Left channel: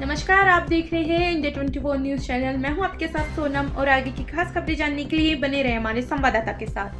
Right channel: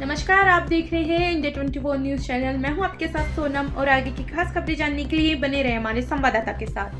नमस्कार, आप देख रहे हैं इंडिया 24 न्यूज चैनल। मैं हूं आपके साथ सोनम और आगे की खास खबरें जानने के लिए बने रहे हमारे संवाददाता के साथ।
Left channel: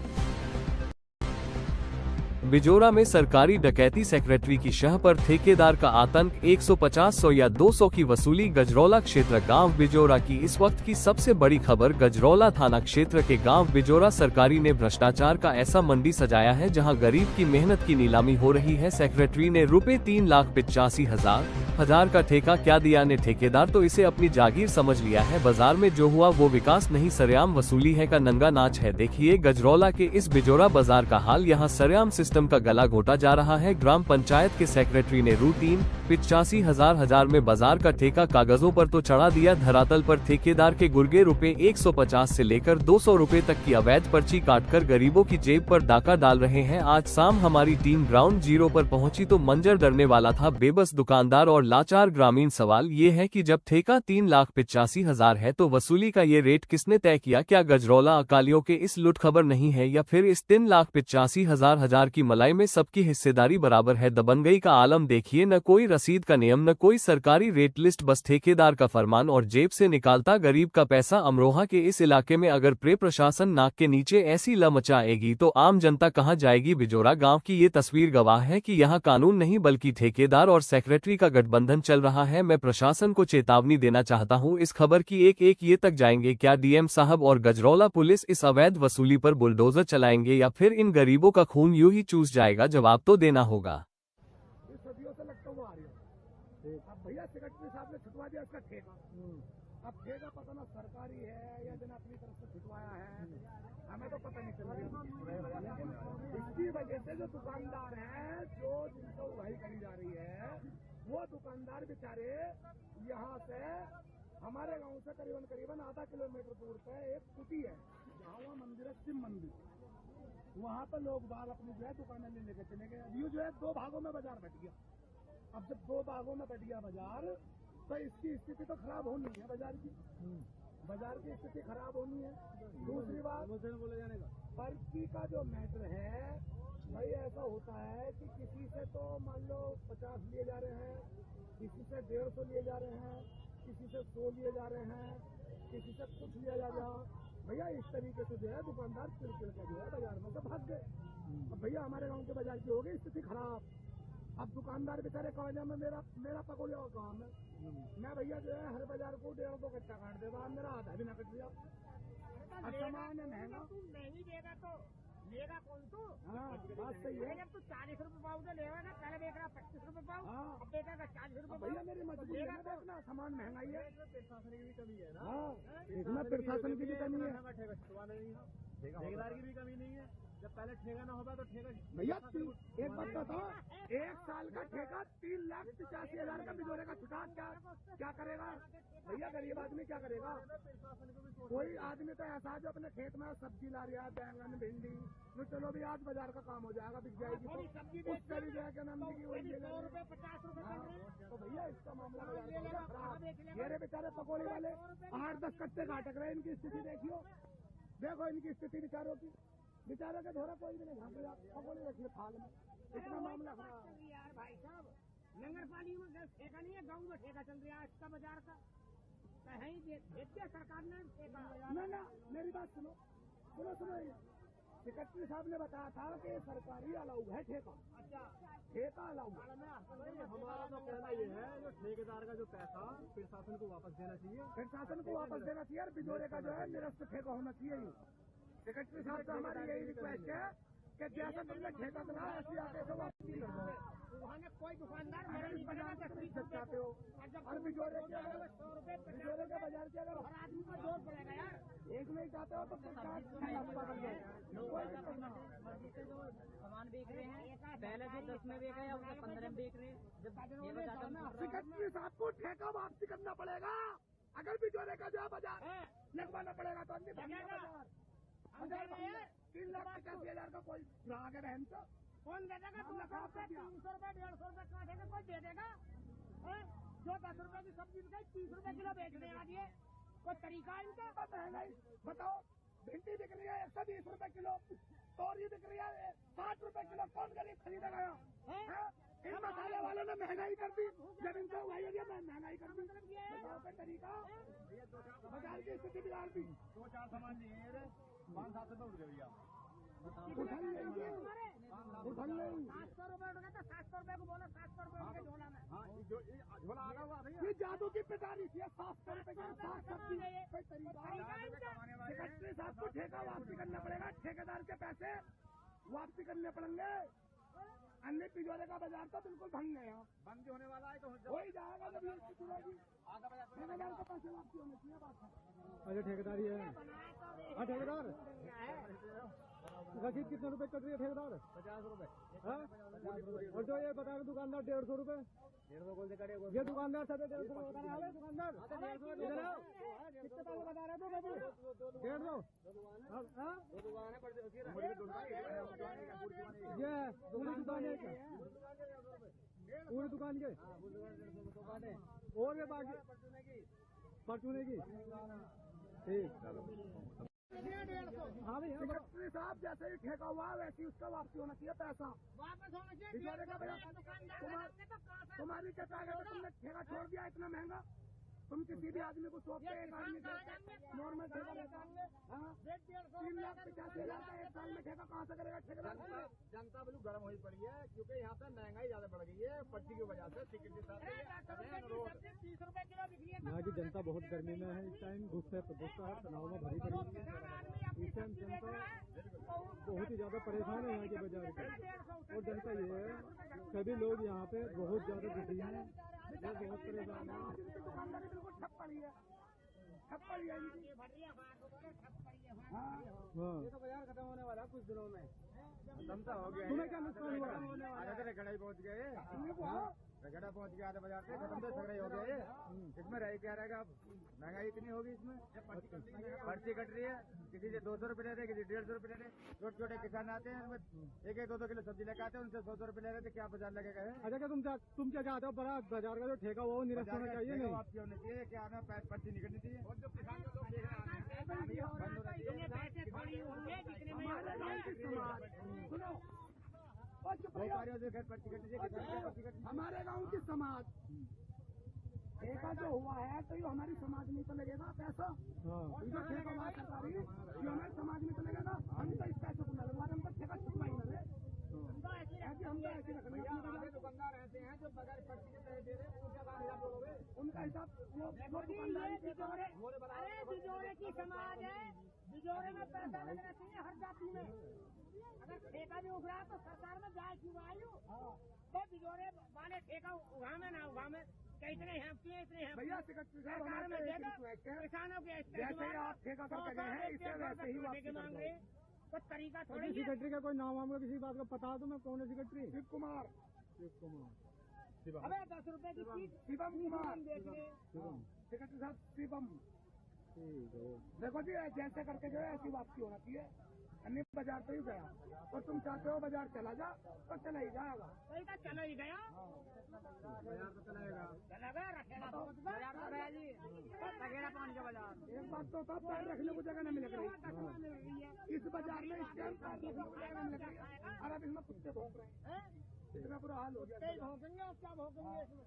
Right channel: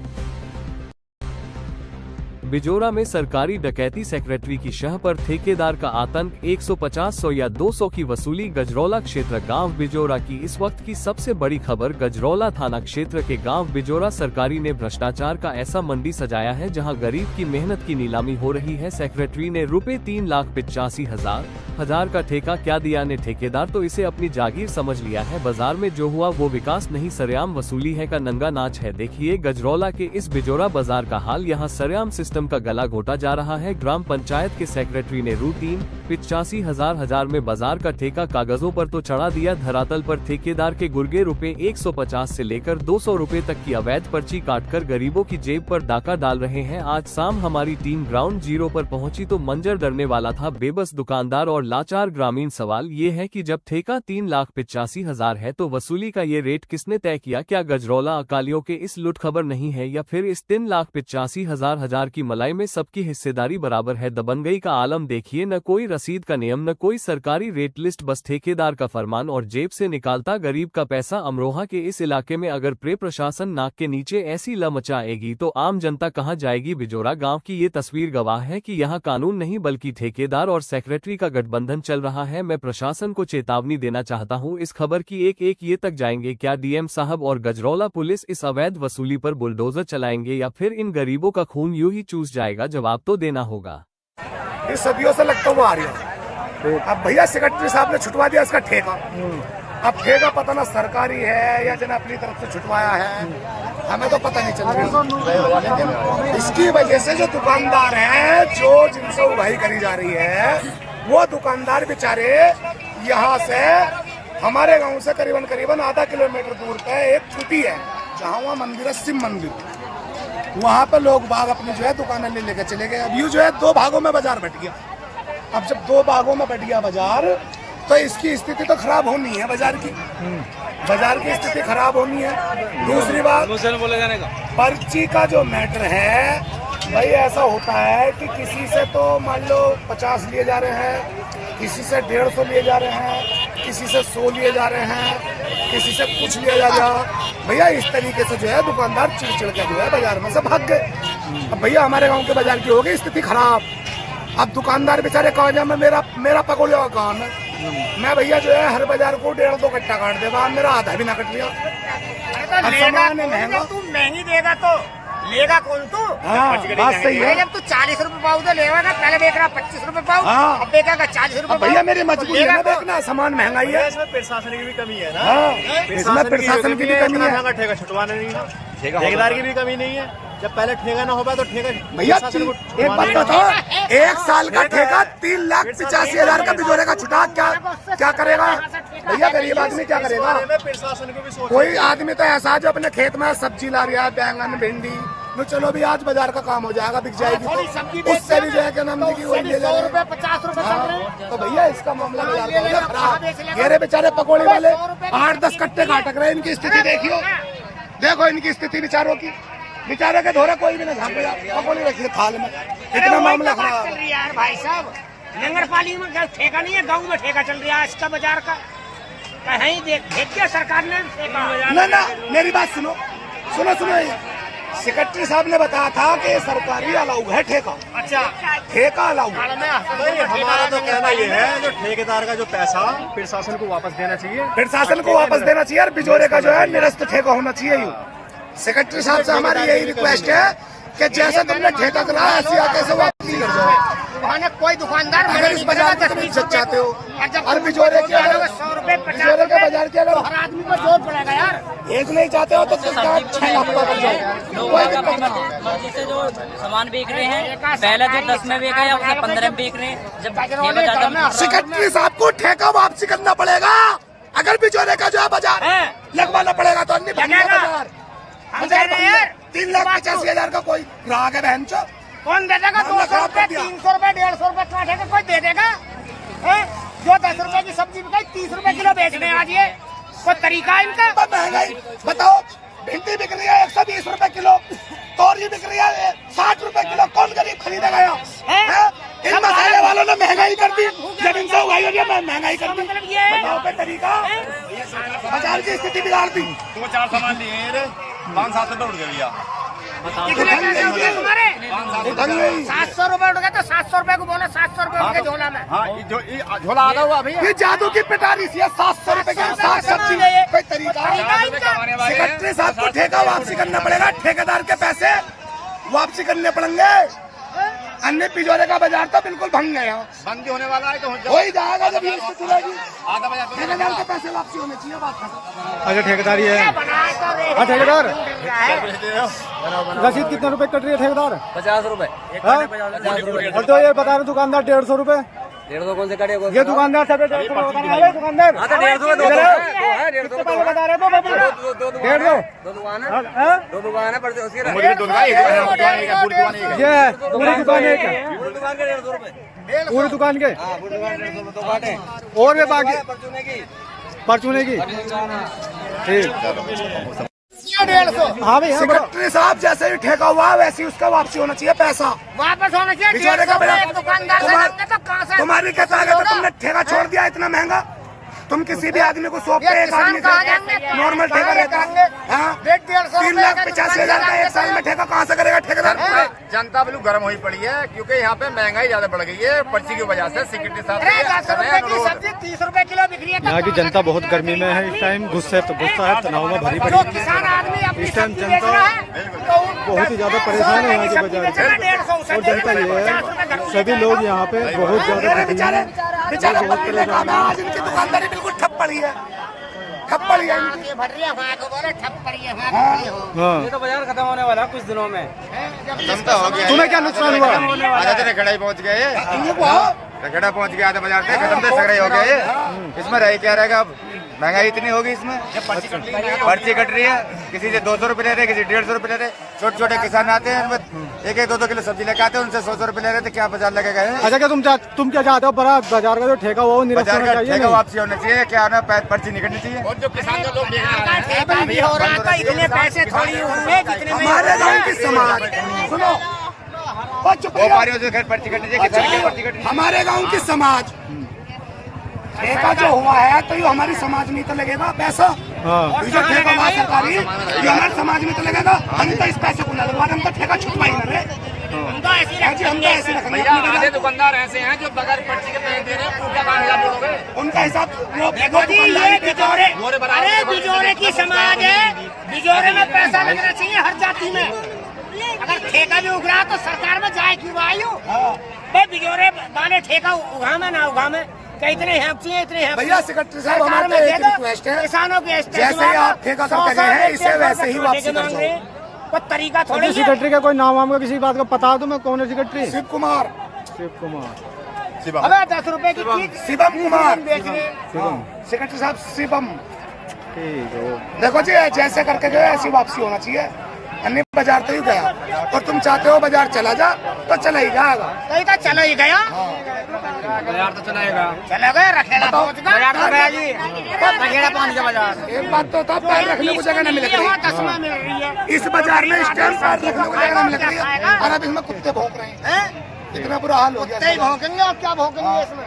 बिजोरा में सरकारी डकैती, सेक्रेटरी की शह पर ठेकेदार का आतंक, 150, 100 या 200 की वसूली। गजरौला क्षेत्र गांव बिजोरा की इस वक्त की सबसे बड़ी खबर। गजरौला थाना क्षेत्र के गांव बिजोरा सरकारी ने भ्रष्टाचार का ऐसा मंडी सजाया है जहां गरीब की मेहनत की नीलामी हो रही है। सेक्रेटरी ने रुपए 3,85,000 का ठेका क्या दिया ने ठेकेदार तो इसे अपनी जागीर समझ लिया है। बाजार में जो हुआ वो विकास नहीं, सरेआम वसूली है का नंगा नाच है। देखिए गजरौला के इस बिजोरा बाजार का हाल। यहाँ सरेआम सिस्टम का गला घोटा जा रहा है। ग्राम पंचायत के सेक्रेटरी ने रु 3,85,000 में बाजार का ठेका कागजों पर तो चढ़ा दिया, धरातल पर ठेकेदार के गुर्गे रुपए 150 से लेकर 200 रुपए तक की अवैध पर्ची काटकर गरीबों की जेब पर डाका डाल रहे हैं। आज शाम हमारी टीम ग्राउंड जीरो पर पहुंची तो मंजर डरने वाला था। बेबस दुकानदार और लाचार ग्रामीण। सवाल ये है कि जब ठेका 3,85,000 है तो वसूली का ये रेट किसने तय किया? क्या गजरौला अकालियों के इस लुट खबर नहीं है या फिर इस 3,85,000 की मलाई में सबकी हिस्सेदारी बराबर है? दबंगई का आलम देखिए, न कोई रसीद का नियम, न कोई सरकारी रेट लिस्ट, बस ठेकेदार का फरमान और जेब से निकालता गरीब का पैसा। अमरोहा के इस इलाके में अगर प्रशासन नाक के नीचे ऐसी ल मचाएगी तो आम जनता कहां जाएगी? बिजोरा गांव की ये तस्वीर गवाह है कि यहां कानून नहीं बल्कि ठेकेदार और सेक्रेटरी का गठबंधन चल रहा है। मैं प्रशासन को चेतावनी देना चाहता हूं, इस खबर की एक ये तक जाएंगे क्या डीएम साहब और गजरौला पुलिस इस अवैध वसूली पर बुलडोजर चलाएंगे या फिर इन गरीबों का खून यूं ही चूस जाएगा? जवाब तो देना होगा। ये सदियों से लगता हुआ आ रही है। अब भैया सेक्रेटरी साहब ने छुटवा दिया इसका ठेका। अब ठेका पता ना सरकारी है या जन अपनी तरफ से छुटवाया है, हमें तो पता नहीं चल रहा। लेकिन इसकी वजह से जो दुकानदार हैं, जो जिनसे उगाही करी जा रही है, वो दुकानदार बेचारे यहाँ से हमारे गांव से करीबन आधा किलोमीटर दूर पे एक छुट्टी है जहाँ वहाँ मंदिर है, शिव मंदिर। वहाँ पे लोग बाग अपनी जो है दुकानें ले लेकर चले गए। अब यूँ जो है 2 भागों में बाजार बट गया। अब जब 2 भागों में बट गया बाजार तो इसकी स्थिति तो खराब होनी है। बाजार की स्थिति खराब होनी है। दूसरी बात, पर्ची का जो मैटर है भाई, ऐसा होता है कि किसी से तो मान लो 50 लिए जा रहे हैं, किसी से 150 लिए जा रहे हैं, किसी से 100 लिए जा रहे हैं, किसी से कुछ लिया जा रहा। भैया इस तरीके से जो है दुकानदार चिड़चिड़ के जो है बाजार में से भाग गए। अब भैया हमारे गांव के बाजार की हो गई स्थिति खराब। अब दुकानदार बेचारे कहा में मेरा पकौड़े का काम है, मैं भैया जो है हर बाजार को 1.5-2 कट्टा काट देगा, मेरा आधा भी ना कट लिया। महंगा तू महंगी देगा तो लेगा कौन? तू बात सही है। जब तू 40 रुपए पाव तो लेगा ना, पहले देख रहा 25 रुपए पाव, अब देखेगा 40 रुपए। भैया मेरी मजबूरी है ना, देखना सामान महंगाई है। इसमें प्रशासन की भी कमी है ना। इसमें प्रशासन की भी कमी है। ठेका छुटवाना नहीं है, ठेकेदार की भी कमी नहीं है। जब पहले ठेका ना हो पाए तो ठेका भैया एक बात बताओ, 1 साल का ठेका 3,85,000 का बिजोरे का छुटा, क्या करेगा भैया? गरीब आदमी क्या करेगा? प्रशासन को भी कोई आदमी तो ऐसा जो अपने खेत में सब्जी ला रहा है, बैंगन भिंडी, तो चलो भी आज बाजार का काम हो जाएगा, बिक जाएगी, तो उससे भी जो है क्या नाम की 100 रुपए 50 रुपए चल रहे हैं। तो भैया इसका मामला बाजार का खराब। ये बेचारे पकौड़े वाले 8-10 कट्टे काटक रहे, इनकी स्थिति देखियो, देखो इनकी स्थिति बेचारों की। बेचारे के धोरे कोई भी ना झाँक गया, पकौड़ी रखिए थाल में, इतना मामला खराब है यार। भाई साहब नगरपालिका में ठेका नहीं है, गाँव में ठेका चल रहा है इसका बाजार का। कहीं देख के सरकार ने ना मेरी बात सुनो। सेक्रेटरी साहब ने बताया था कि सरकारी अलाउ है ठेका। अच्छा, ठेका अलाउ। हमारा तो कहना ये है, जो ठेकेदार का जो पैसा प्रशासन को वापस देना चाहिए, प्रशासन को वापस देना चाहिए और बिजोरे का जो है निरस्त ठेका होना चाहिए। सेक्रेटरी साहब से हमारी यही रिक्वेस्ट है कि जैसे तुमने ठेका करा ऐसी आगे से वापस कर जाओ। कोई दुकानदार अगर इस बाजार में तुम इज्जत चाहते हो और बिजोरे के 100 रुपए 50 रुपए बाजार के अगर हर आदमी को जोर पड़ेगा यार। एक नहीं चाहते हो तो 6 लाख का कर जाओ, कोई दिक्कत नहीं। से जो सामान बेच रहे हैं, पहले जो 10 में बेचा या उसे 15 में बेच रहे हैं। जब सेक्रेटरी साहब को ठेका वापसी करना पड़ेगा। अगर बिजोरे का जो है बाजार लगवाना पड़ेगा तो अन्य बाजार 3,85,000 का कोई ग्राहक है बहन चो, कौन दे देगा? 200 रुपए 300 रुपए 150 रुपए काटेगा, कोई दे देगा? जो 10 रुपए की सब्जी बिकाई 30 रुपए किलो बेच रहे हैं आज, ये कोई तरीका है इनका? महंगाई बताओ, भिंडी बिक रही है 120 रुपए किलो, तोरी बिक रही है 60 रुपए किलो, कौन गरीब खरीदेगा? इन मसाले वालों ने महंगाई कर दी, जब इनसे उगाई होगी महंगाई कर दी। बताओ पे तरीका, बाजार की स्थिति बिगाड़ दी। 2-4 सामान लिए 5-7 रुपए उठ गए भैया। कितने पैसे उठ गए तुम्हारे? 700 रुपए उठ गए तो 700 रुपए को बोला 700 रुपए उठ गए झोला में। हाँ झोला आधा हुआ भैया। ये जादू की पिटारी सी है, 700 रुपए की साग सब्जी। कोई तरीका? सेक्रेटरी साहब को ठेका वापसी करना पड़ेगा, ठेकेदार के पैसे वापसी करने पड़ेंगे। अन्य पिजोरे का बाजार तो बिल्कुल भंग गया, बंदी होने वाला है तो हो ही जाएगा जब ये स्थिति रहेगी। आधा बजा ठेकेदार के पैसे वापसी होने चाहिए। बात खत्म। अच्छा ठेकेदार ये है। हाँ ठेकेदार, रसीद कितने रुपए कट रही है ठेकेदार? 50 रुपए। और तो ये बता रहे दुकानदार 150 रुपए। 150 कौन से कटेगा? ये दुकानदार सब 150 रुपए बता रहे हैं। दुकानदार 150 बता रहे हो बाबू? 150। दो दुकान है, हाँ? 2 दुकान है पर उसकी ये पूरी दुकान एक है? दुकान के 150 रुपए। पूरी दुकान के? हाँ पूरी दुकान 150 रुपए तो काटे। और भी बाकी परचूने की परचूने की? ठीक। 150 हाँ भाई हाँ बोलो। सेक्रेटरी साहब जैसे ही ठेका हुआ वैसे ही उसका वापसी होना चाहिए पैसा। वापस होना चाहिए। पिछोरे का 150 एक दुकानदार से लेंगे तो कहाँ से? तुम्हारी क्या ताकत है? तुमने ठेका छोड़ दिया इतना महंगा। तुम किसी भी आदमी को सौंपते ये एक आदमी किसान कहाँ जाएंगे? नॉर्मल ठेका लेता है। हाँ? 150 3,85,000 का एक साल में ठेका कहाँ से करेगा ठेकेदार? जनता बिल्कुल गर्म हुई पड़ी है क्योंकि यहाँ पे महंगाई ज्यादा बढ़ गई है पर्ची की वजह से। सेक्रेटरी साहब 10 रुपए की सब्जी 30 रुपए किलो बिक रही है। यहाँ की जनता बहुत गर्मी में है इस टाइम, गुस्सा है, तनाव में भरी पड़ी जो है। किसान आदमी अपनी इस टाइम सब्जी बेच जनता रहा है तो बहुत ही ज्यादा परेशान है यहाँ के बाजार से। और जनता ये है सभी लोग यहाँ पे बहुत ज्यादा दुखी हैं। बेचारे बंदे काम है, आज इनकी दुकानदारी बिल्कुल ठप पड़ी है, ठप पड़ी है इनकी। ये भर रही है वहाँ को बोले ठप पड़ी है वहाँ को पड़ी हो। हाँ तो बाजार खत्म होने वाला है कुछ दिनों में। जनता हो गया। तुम्हें क्या नुकसान हुआ? आधा तो रखड़ा पहुँच गए, रखड़ा पहुँच गया, आधा बाजार से खत्म से सगड़े हो गए ये। इसमें रह क्या रहेगा? अब महंगाई इतनी होगी इसमें, पर्ची कट रही है, किसी से 200 रुपए ले रहे, किसी 150 रुपए ले रहे। छोटे छोटे किसान आते हैं, 1-2 किलो सब्जी लेके आते हैं, उनसे 100 रुपए ले रहे थे, क्या बाजार लगेगा? अच्छा क्या तुम क्या चाहते हो? बड़ा बाजार का जो ठेका हुआ वो निरस्त बाजार होना का चाहिए ठेका नहीं? वापसी होना चाहिए, क्या ना पर्ची निकलनी चाहिए। और जो किसान जो लोग ठेका भी हो रहा है तो इतने पैसे थोड़ी होंगे जितने में हमारे गाँव की समाज सुनो, और चुप रहो। व्यापारियों से पर्ची कटनी चाहिए, किसान की पर्ची कटनी चाहिए। हमारे गांव की समाज ठेका जो हुआ है तो ये हमारी समाज में तो लगेगा पैसा। हाँ ये जो ठेका हुआ सरकारी ये हमारे समाज में तो लगेगा। हम तो इस पैसे को न लगवा, हम तो ठेका छुटवा ही न रहे। हम तो ऐसे रखेंगे। आधे दुकानदार ऐसे हैं जो बगैर पर्ची के पैसे दे रहे हैं, उनका 5,000 बोलोगे? उनका हिसाब जी ये बिजोरे, अरे बिजोरे की समाज है, बिजोरे में पैसा लगना चाहिए हर जाति में। अगर ठेका भी उग रहा तो सरकार में जाए क्यों आयु? भाई बिजोरे वाले ठेका उगा में ना उगा में क्या इतने हैं चाहिए, इतने हैं भैया सेक्रेटरी साहब हमारे एक रिक्वेस्ट है, किसानों के जैसे ही आप ठेका करके गए हैं इसे वैसे ही वापसी कर दो। कोई तरीका थोड़ी है। सेक्रेटरी का कोई नाम वाम का किसी बात का पता दो, मैं कौन है सेक्रेटरी? शिव कुमार, शिव कुमार। अबे 10 रुपए की चीज शिवम कुमार बेच रहे हैं। सेक्रेटरी साहब शिवम। ठीक है। देखो जी जैसे करके गए ऐसी वापसी होना चाहिए। अन्य बाजार तो ही गया और तुम चाहते हो बाजार चला जा तो चला ही जाएगा। कहीं तो चला ही गया, बाजार तो चलाएगा। चला गया रखेड़ा पहुंच गया। रखेड़ा पहुंच गया बाजार। एक बात तो था, पैर रखने को जगह नहीं मिल रही। 10वां मिल रही है इस बाजार में इस टाइम पैर रखने को जगह नहीं मिल रही है और अब इसमें कुत्ते भौंक रहे हैं। इतना बुरा हाल हो गया। भौंकेंगे और क्या भौंकेंगे इसमें।